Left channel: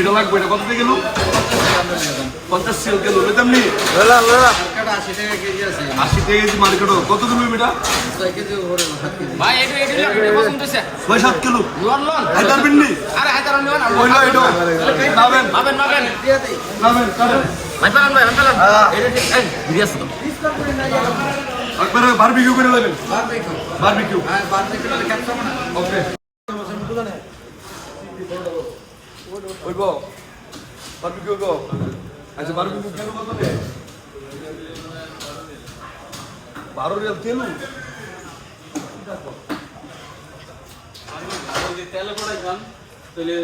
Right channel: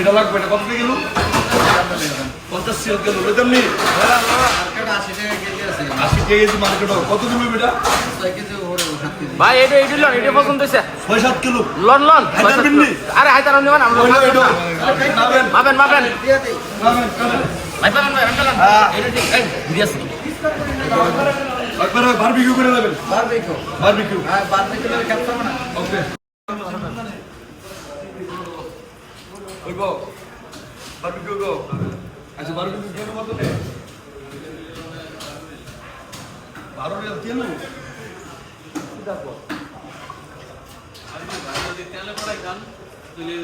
এটা লাগবে এটা কত গেল 50 সিল গেল লইতাম নি 80 টাকা কেজি আছে 80 টাকা কেজি মার্কেট কত কিলো এটা 6 কেজি ওরে 7 কেজি ভাই এটা পছন্দ হইছে 6-7 কিলো লন হায়দার বিন্নি আরে হায়দার আমি না ওইলো এটা মাবেন দিয়া দেই ভাই পালান এটা ঠিক এই ভিডিও আছে তো একবার বারবিকিউ করে নেবেন বারবিকিউ হ্যাঁ বারবিকিউ খেতে হবে না ওকে ওইগো বারবিকিউ গো আচ্ছা বারবিকিউ কেন কত নে 12 রিয়াল কেন দেখো যদি তেলে পড়াই খান তাহলে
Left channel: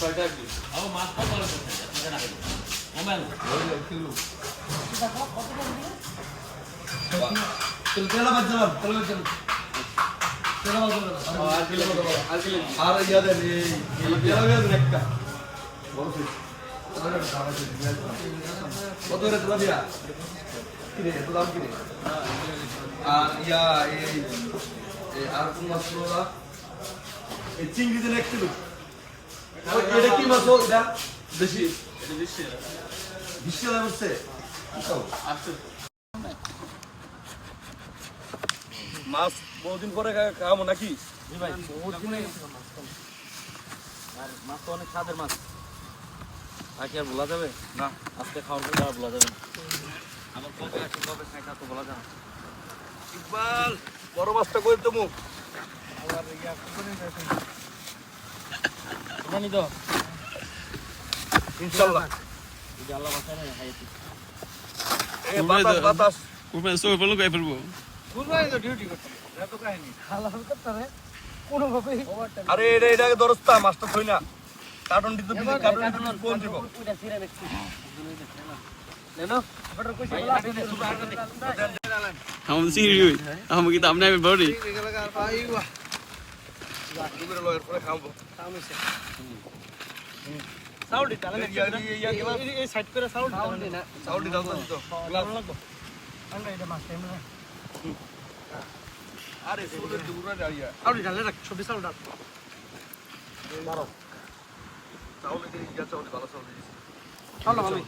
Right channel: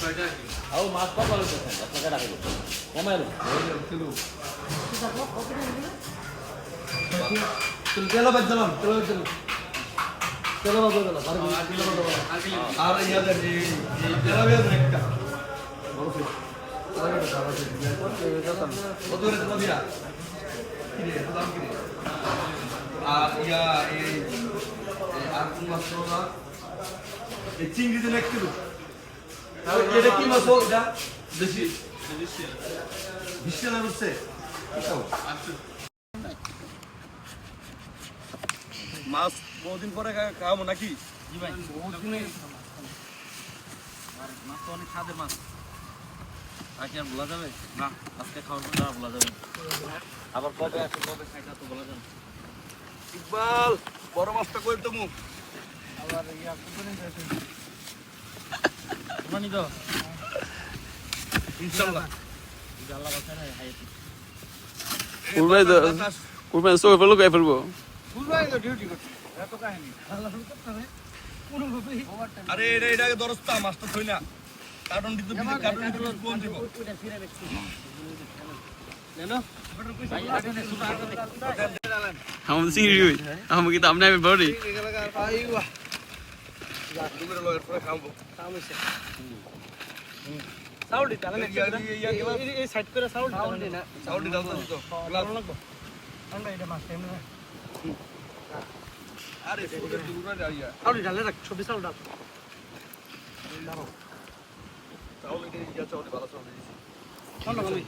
6 টাকা কি আও মাছ কত হলো টাকা রাখলো মোবাইল কিলো তেল বাদ যাবেন তেল বাদ যাবেন আর ইয়া দেন এই তেল বাদ একটা বড় সাইজ কত রে তেল দিয়া কি রে দাম কি রে আর ইয়া এই আর কোন মাছ রোলা এই চিংড়ি দেন 1 কিলো এটা কি মাছ এটা দেশি 20 টাকা বলছে মাছ বহুদিন পরে খাবো নাকি ভাই বহুত দিন আর মাছ তো অনেক স্বাদের মাছ আজকে আর বলা যাবে না আজকে খাওয়ার পর আর বলা যাবে না আবার কবে আসে কবে খাই তা তো বলা যাবে না ইকবাল বড় মাছটা কই তুমি আবার ইয়া কোনে যাচ্ছে মানি দাও ইনশাআল্লাহ এটা আল্লাহ বাঁচায় না খাইছি বাতাস কুরবান সো ফেলো গায় ফেলবো বুঝবাই তো ডিউটি করতে এত কাহিনী হালাল করতে হবে কোনো ভাবে আরে এটাকে দরস্তা মাছটা থই না কার্টন দিতে কার্টন দিতে কোন দিব ওইটা ফিরে দেখছি নেনো বড় কইছে হাম সিরি হই হাম কি দাম নাই বড়ি আইওয়া দুপুরে লগের পরে খাবো সামনে সাউন্ড দিতে লাগে এই সাইড করে সাউন্ড না সাউন্ড দাও তো গ্লাস লাগবে আমরা এটা মাছ টাইম না আরে সুদের দুপুরে যাইয়া সাউন্ড ডালে রাখ ছবি সাউন্ড ডাল চাউল এটা ইয়া চাউল ভালো চাউল দিছি ভালো ভালো